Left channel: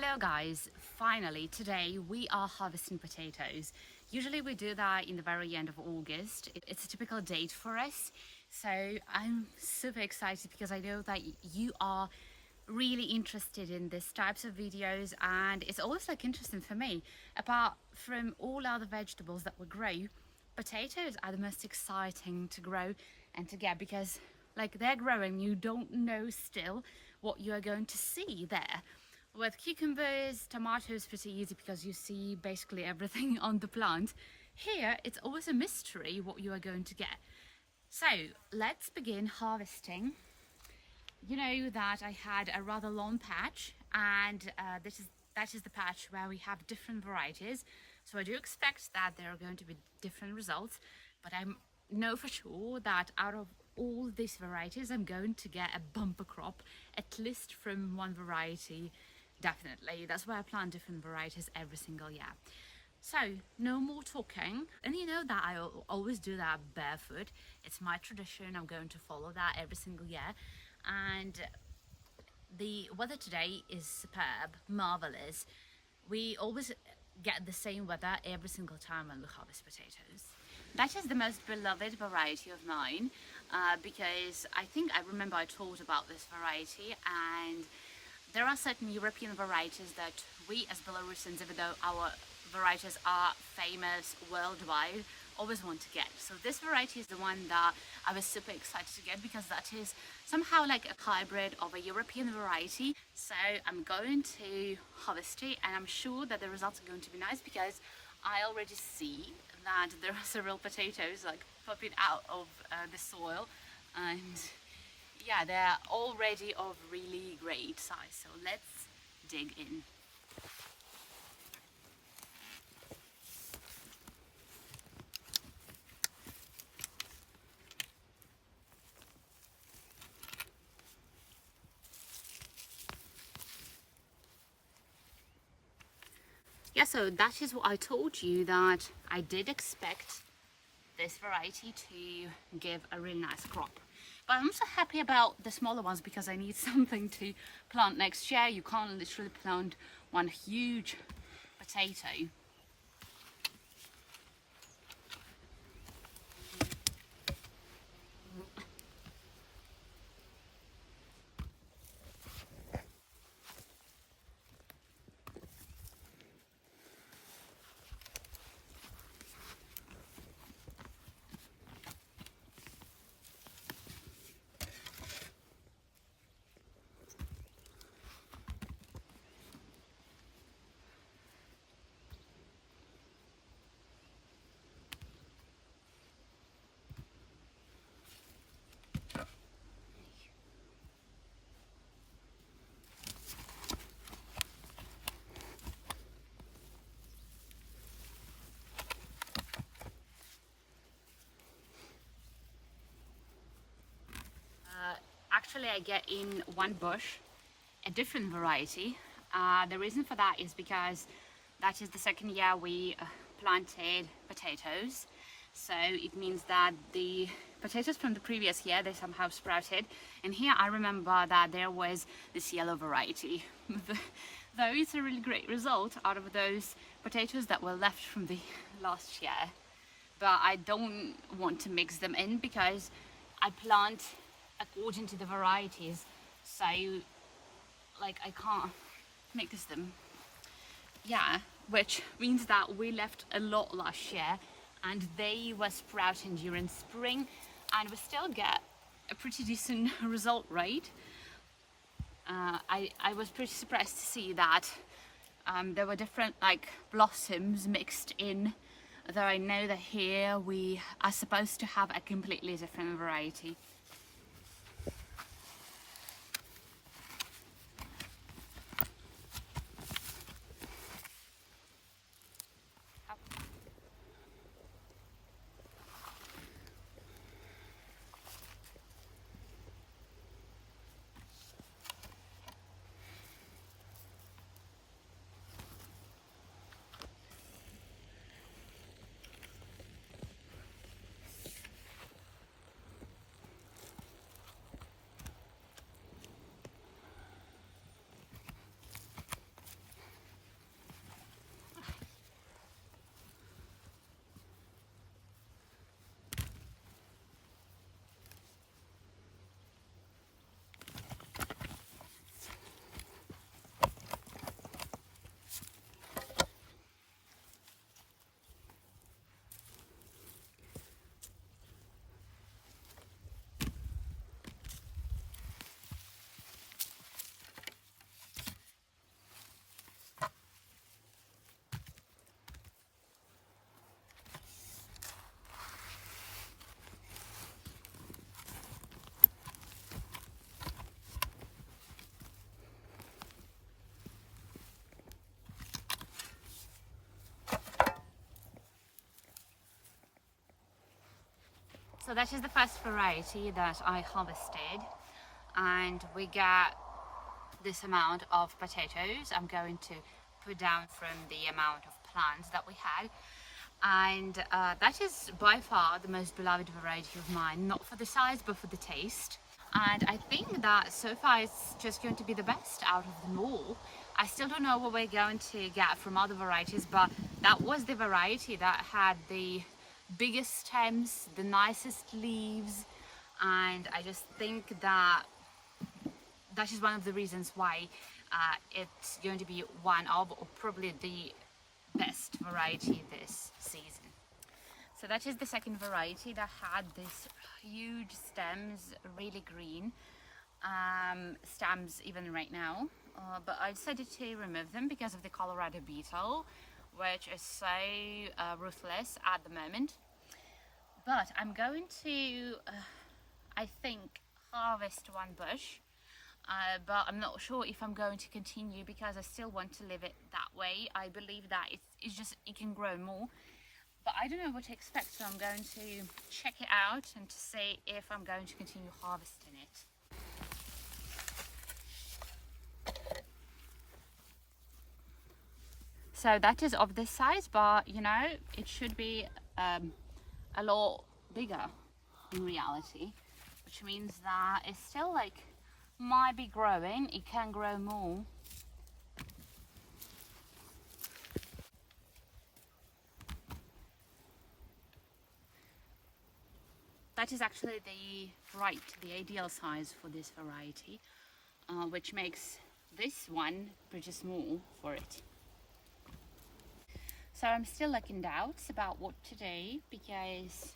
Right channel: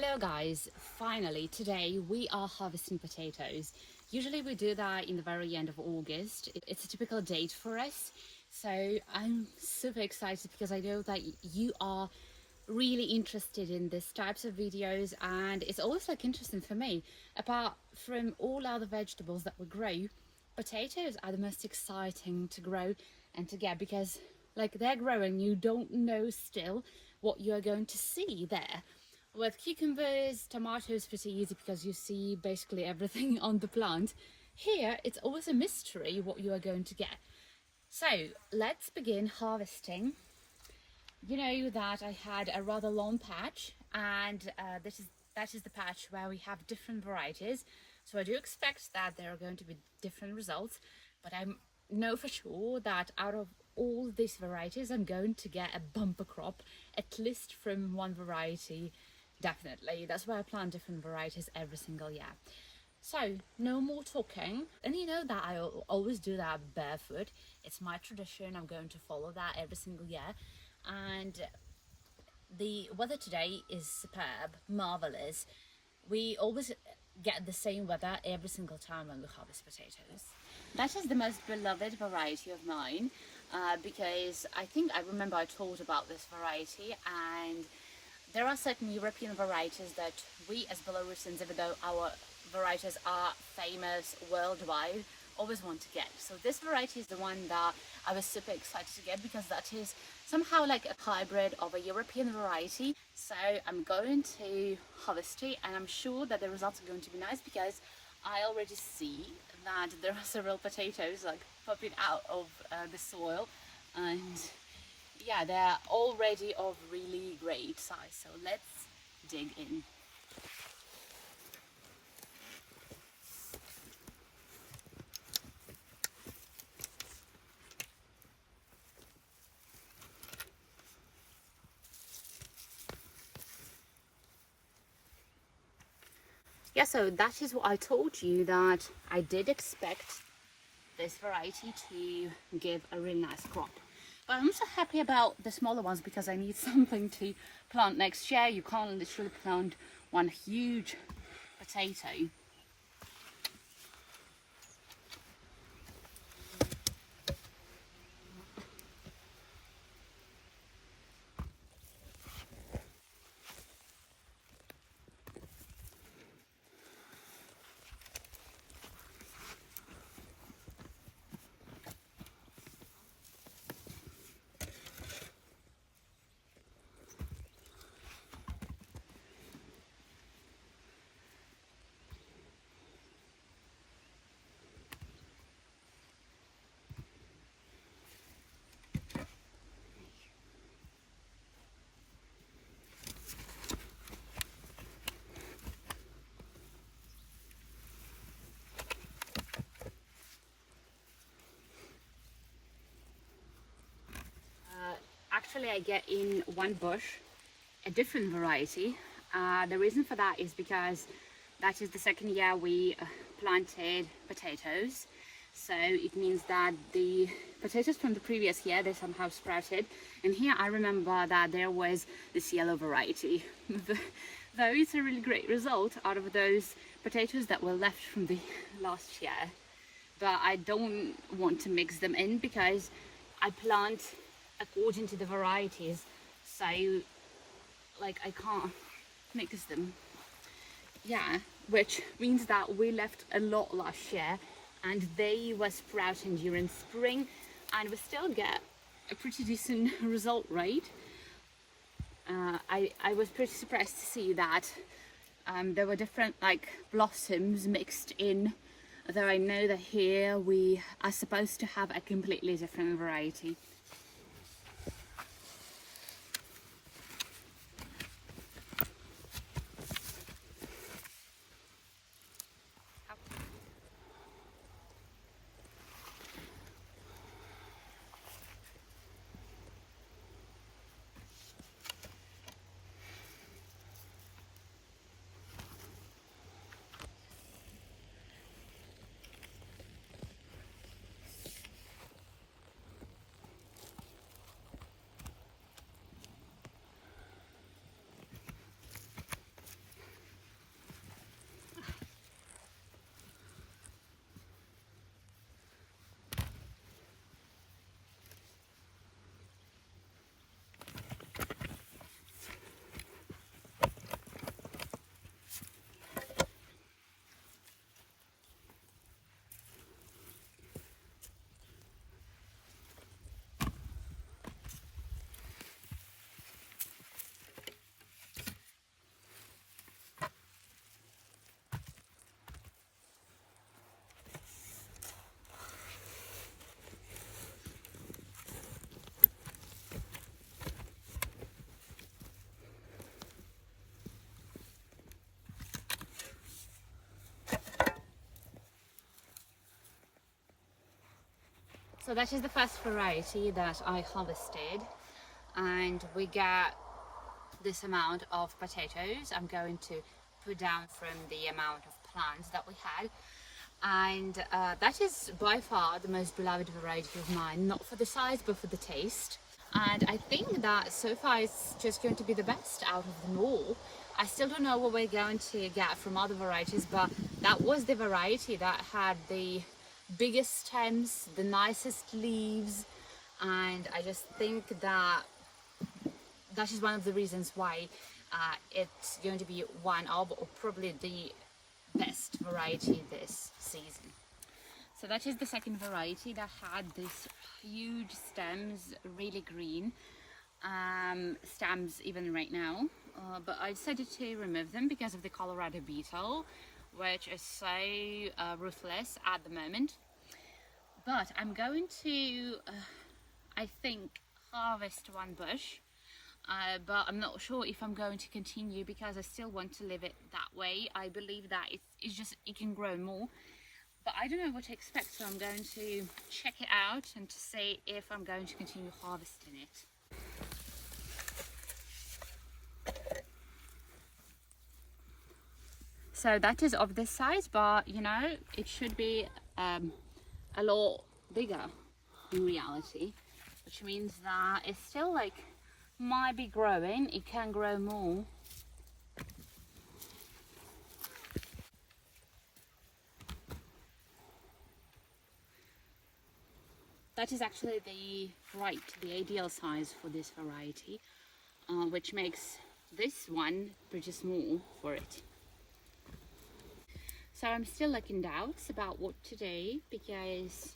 Hello guys, finally today we are harvesting potatoes. Usually we do that in the very end of August. It's a typical date for us. So I'm super excited because I know that you are really interested in these types of videos, and it's always interesting for me. Apart from all other vegetables that we grow, potatoes are the most exciting to grow and to get because they're growing, you don't know still what you are going to see there. With cucumbers, tomatoes, pretty easy because you see basically everything on the plant. Here, it's always a mystery what you are going to get. So let's begin harvesting. You know that I had a rather long patch, and that is the patch where we have different varieties. So I do expect that there are going to be different results, but I know for sure that out of all these varieties, I'm going to get a bumper crop, at least from one variety. Definitely. That's why I plant different varieties every single year. So no more talking. And you know that I always do that barefoot. It's my tradition. I'm going to follow that every single year. And the weather today is superb, marvelous. We always get the same weather every single time when we harvest potatoes. That is the most beloved variety of mine because I think I remember I told about this variety, and there are certain European varieties that we as Belarusians, even though our varieties are famous worldwide, always want to get. So this variety is the one that I was super excited to get because that is somehow like a hybrid of a European variety. So I'm going to harvest it, and I'm sure that the results are going to be nice because I already see that there are several potatoes popping out of the soil, and yeah, they're already of really great size. So let's dig in. Yeah, so that is what I told you, that I did expect this variety to give a really nice crop. But I'm also happy about the smaller ones because I need something to plant next year. You can't literally plant one huge potato. Actually, I get in one bush a different variety. The reason for that is because that is the second year we planted potatoes. So it means that the potatoes from the previous year, they somehow sprouted. And here I remember that there was this yellow variety. Though it's a really great result out of those potatoes that were left from the last year. But I don't want to mix them in because I plant according to the varieties, so I can't mix them. Yeah, which means that we left a lot last year and they were sprouting during spring, and we still get a pretty decent result, right? I was pretty surprised to see that there were different blossoms mixed in, though I know that here we are supposed to have a completely different variety. So that is the first variety that I harvested, and we got this amount of potatoes. I'm going to put down from the amount of plants that we had, and that is by far the most beloved variety of mine, not for the size but for the taste. And I think that so far it's just going to be the best out of them all. I still don't know what we're going to get from other varieties, but that was the variety that had the biggest stems, the nicest leaves, and I just think that that is one of the reasons why it's going to be one of, or probably the best variety this season. So that is the second variety that had this huge stems, really green stems even right now, but I decided to remove them because of the Colorado beetle, which is so ruthless at the moment. But I'm going to, I think, harvest one bush, but I'm not sure if I'm going to continue because I still want to leave it that way. I believe that it can grow more, but I don't know what to expect, so I'm going to check it out and to see if I'm going to continue harvesting it. So that is of this size, but you know, it should be a lot bigger in reality, which means that it's still like might be growing. It can grow more. That is actually the ideal size for this variety, which makes this one pretty small for it. So I'm still like in doubts about what to do because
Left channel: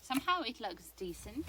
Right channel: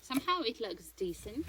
somehow it looks decent.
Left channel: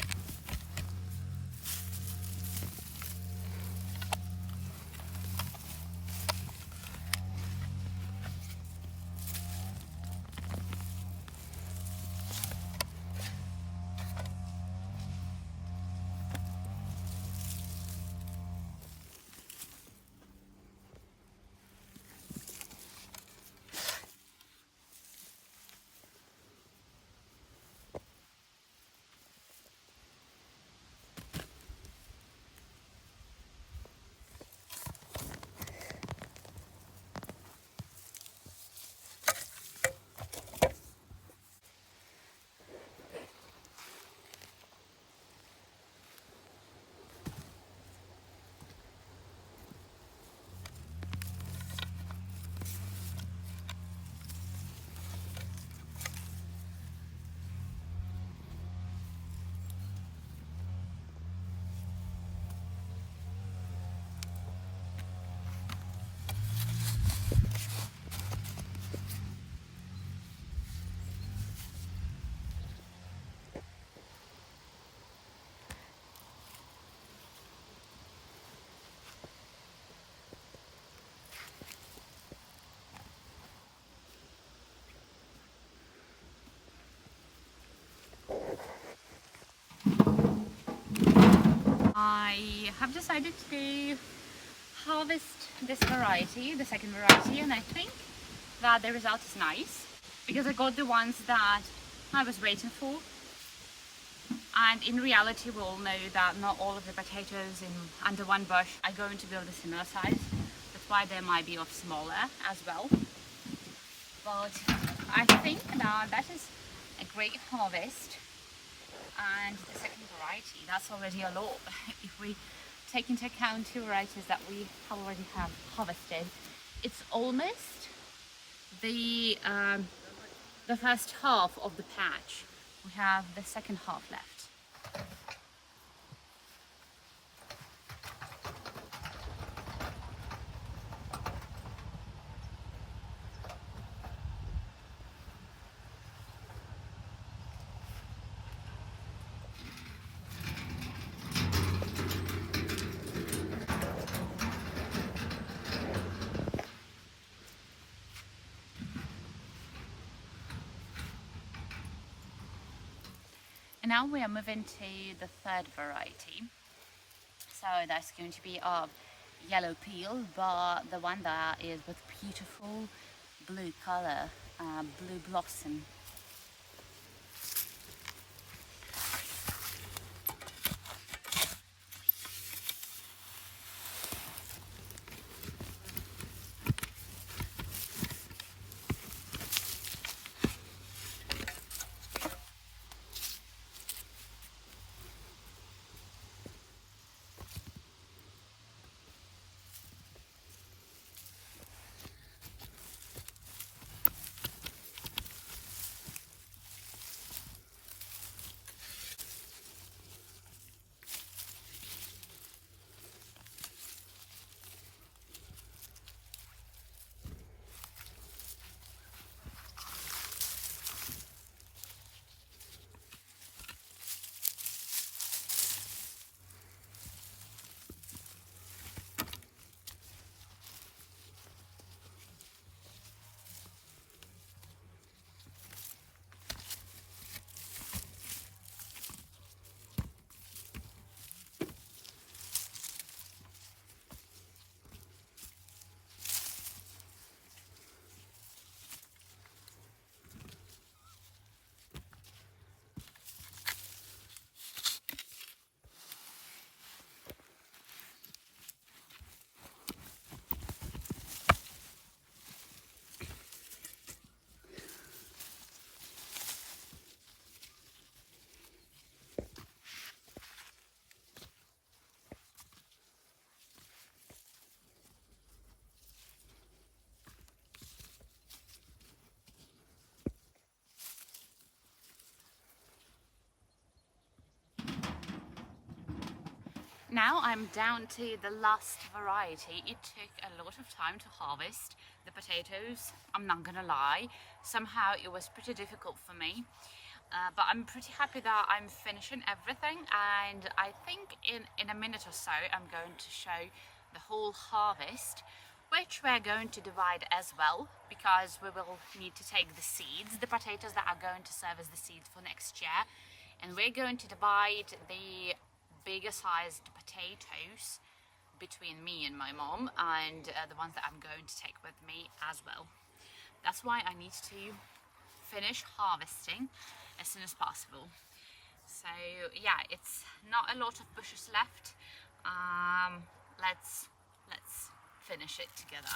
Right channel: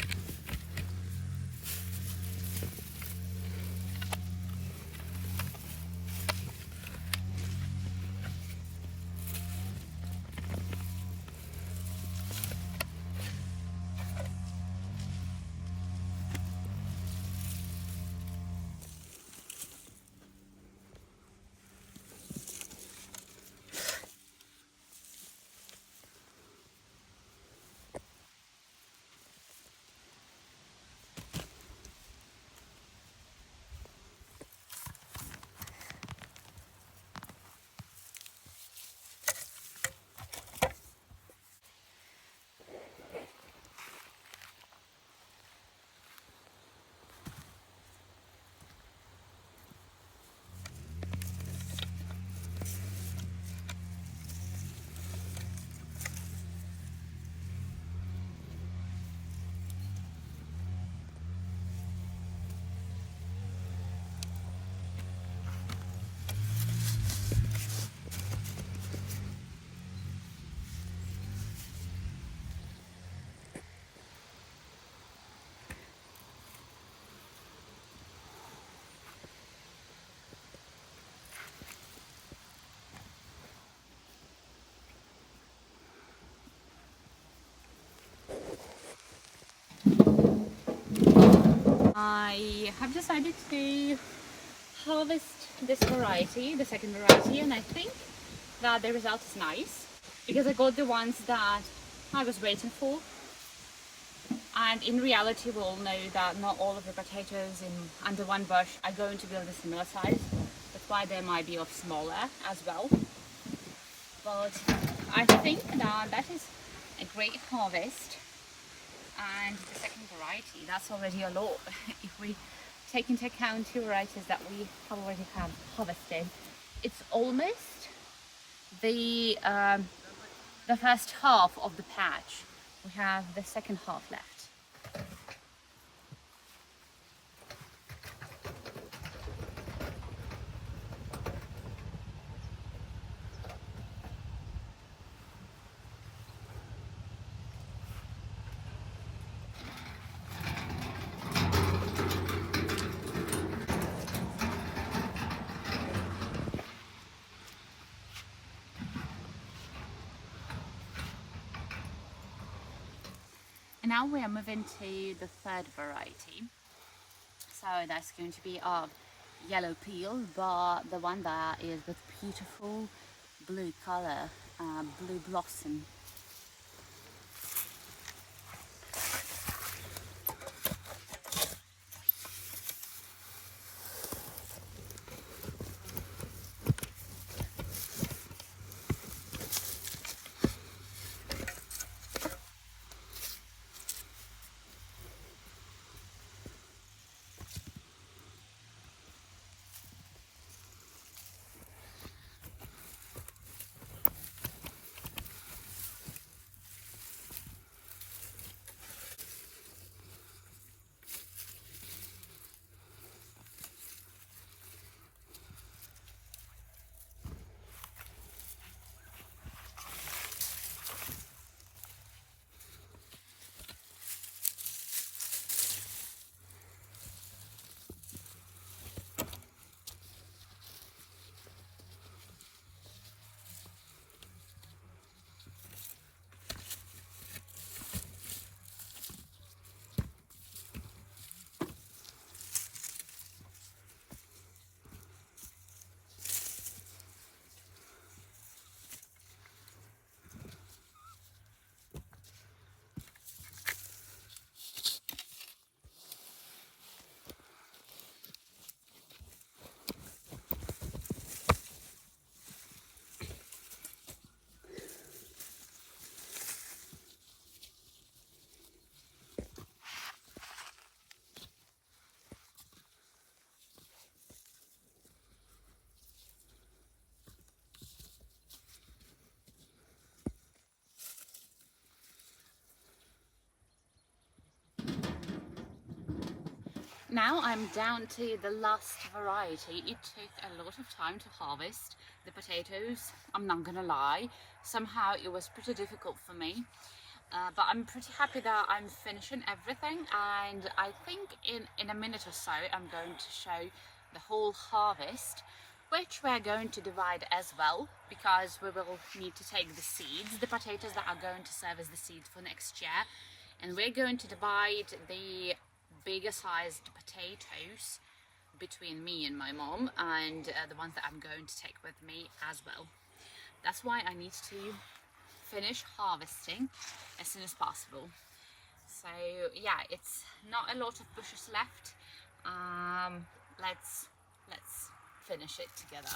I have decided to harvest this variety, the second variety, and I think that the result is nice because I got the ones that I was waiting for. And in reality, we all know that not all of the potatoes under one bush are going to build a similar size. That's why there might be of smaller as well. But I think that is a great harvest. And the second variety, that's already a lot. If we take into account two varieties that we already have harvested, it's almost the first half of the patch. We have the second half left. And now we are moving to the third variety. So that's going to be of yellow peel, but the one that is with beautiful blue color, blue blossom. now I'm down to the last variety. It took a lot of time to harvest the potatoes, I'm not gonna lie. Somehow it was pretty difficult for me. But I'm pretty happy that I'm finishing everything, and I think in a minute or so I'm going to show the whole harvest, which we're going to divide as well, because we will need to take the seeds, the potatoes that are going to serve as the seeds for next year, and we're going to divide the bigger sized potatoes between me and my mom, and the ones that I'm going to take with me as well. That's why I need to finish harvesting as soon as possible. So yeah, it's not a lot of bushes left. Let's finish it together.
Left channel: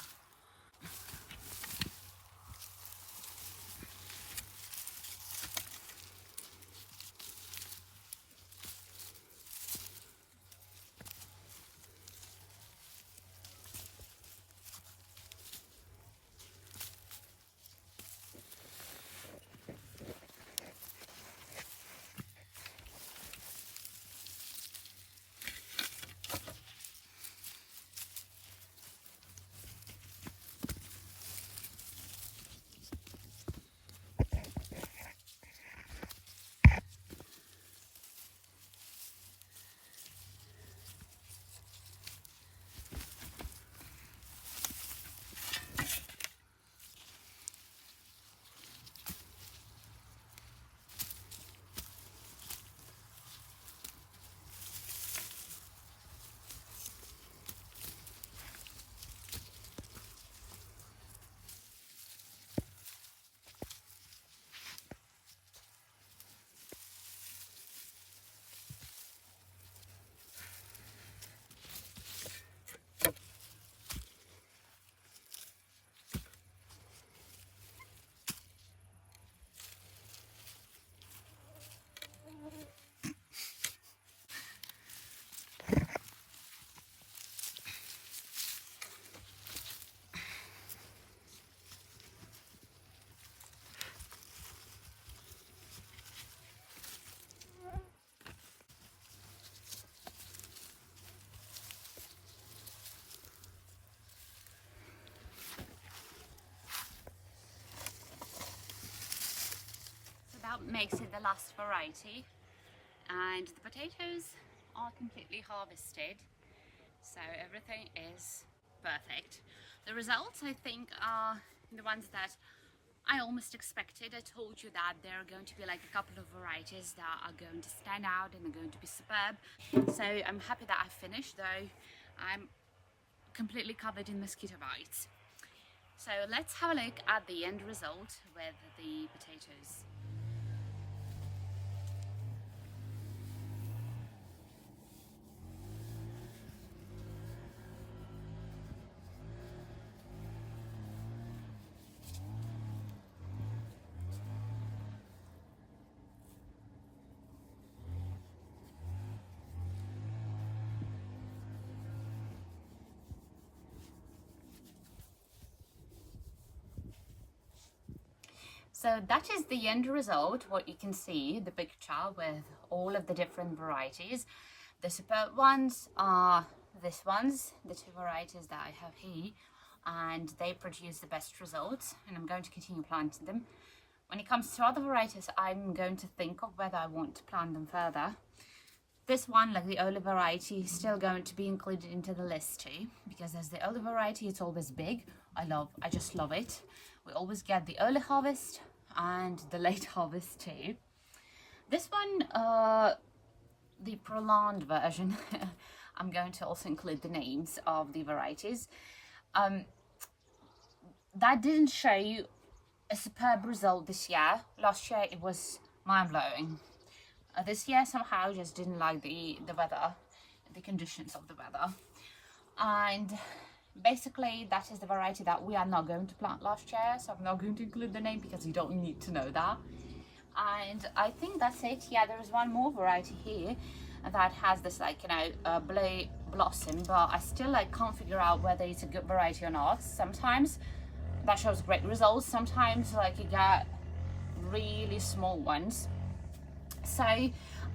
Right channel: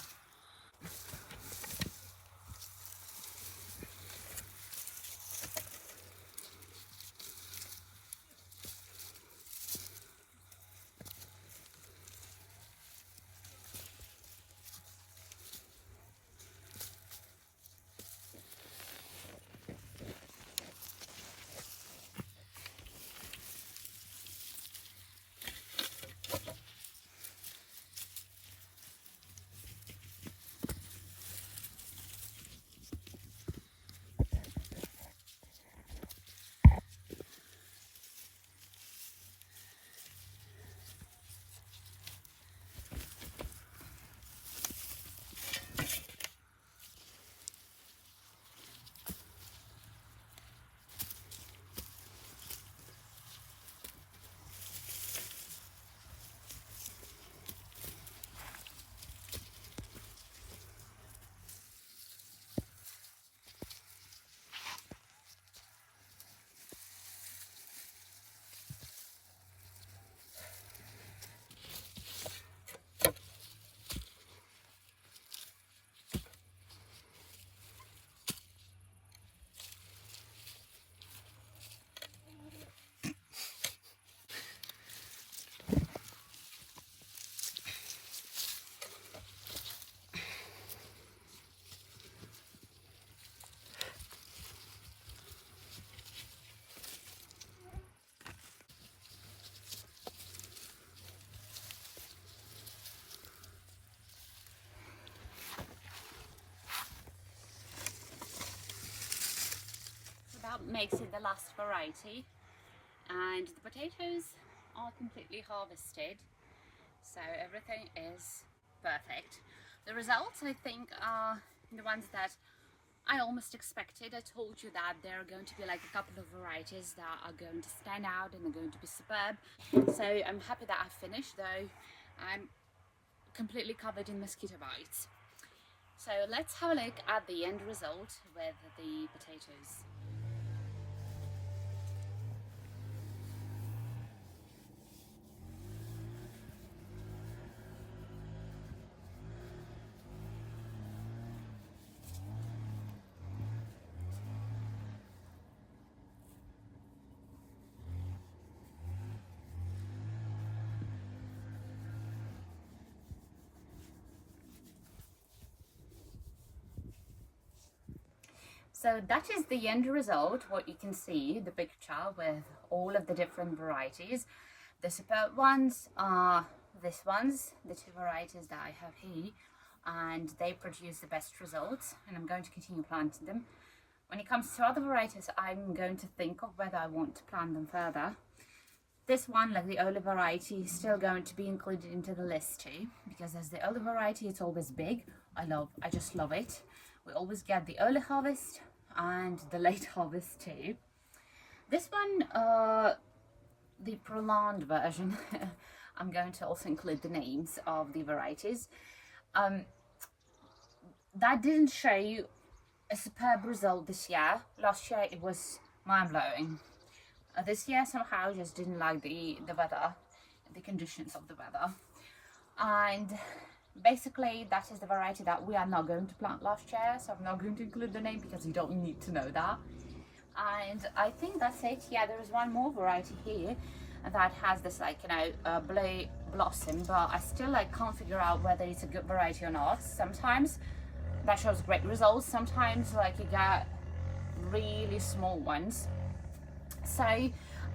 That makes it the last variety, and the potatoes are completely harvested, so everything is perfect. The results, I think, are the ones that I almost expected. I told you that there are going to be like a couple of varieties that are going to stand out and are going to be superb, so I'm happy that I finished, though I'm completely covered in mosquito bites. So let's have a look at the end result with the potatoes. So that is the end result, what you can see, the picture with all of the different varieties. The superb ones are these ones, the two varieties that I have here, and they produce the best results, and I'm going to continue planting them. When it comes to other varieties, I'm going to think of whether I want to plant them further. This one, like the olive variety, is still going to be included into the list too, because as the olive variety, it's always big. I just love it. We always get the early harvest and the late harvest too. This one, the prolonged version, I'm going to also include the names of the varieties. That didn't show you a superb result this year. Last year it was mind-blowing. This year somehow just didn't like the weather, the conditions of the weather, and basically that is the variety that we are not going to plant last year, so I'm not going to include the name because you don't need to know that. And I think that's it. Yeah, there is one more variety here that has this, like, you know, blue blossom, but I still can't figure out whether it's a good variety or not. Sometimes that shows great results, sometimes you get really small ones. So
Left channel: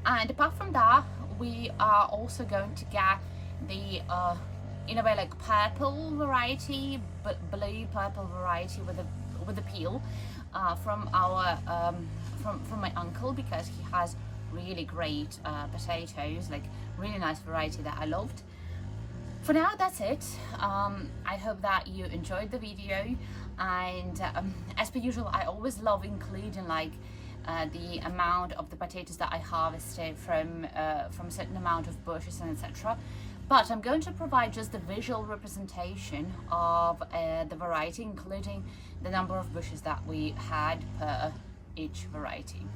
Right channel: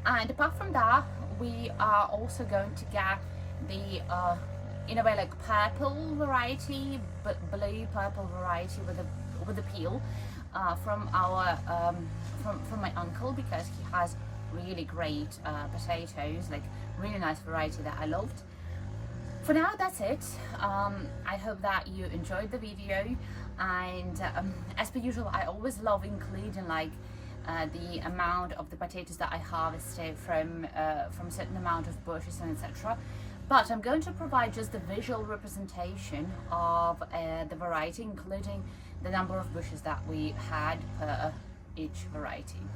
And apart from that, we are also going to get the in a way like purple variety, but blue purple variety with the peel from our from my uncle, because he has really great potatoes, like really nice variety that I loved. For now, that's it. I hope that you enjoyed the video, and as per usual, I always love including like the amount of the potatoes that I harvested from a certain amount of bushes and etc. But I'm going to provide just the visual representation of the variety, including the number of bushes that we had per each variety.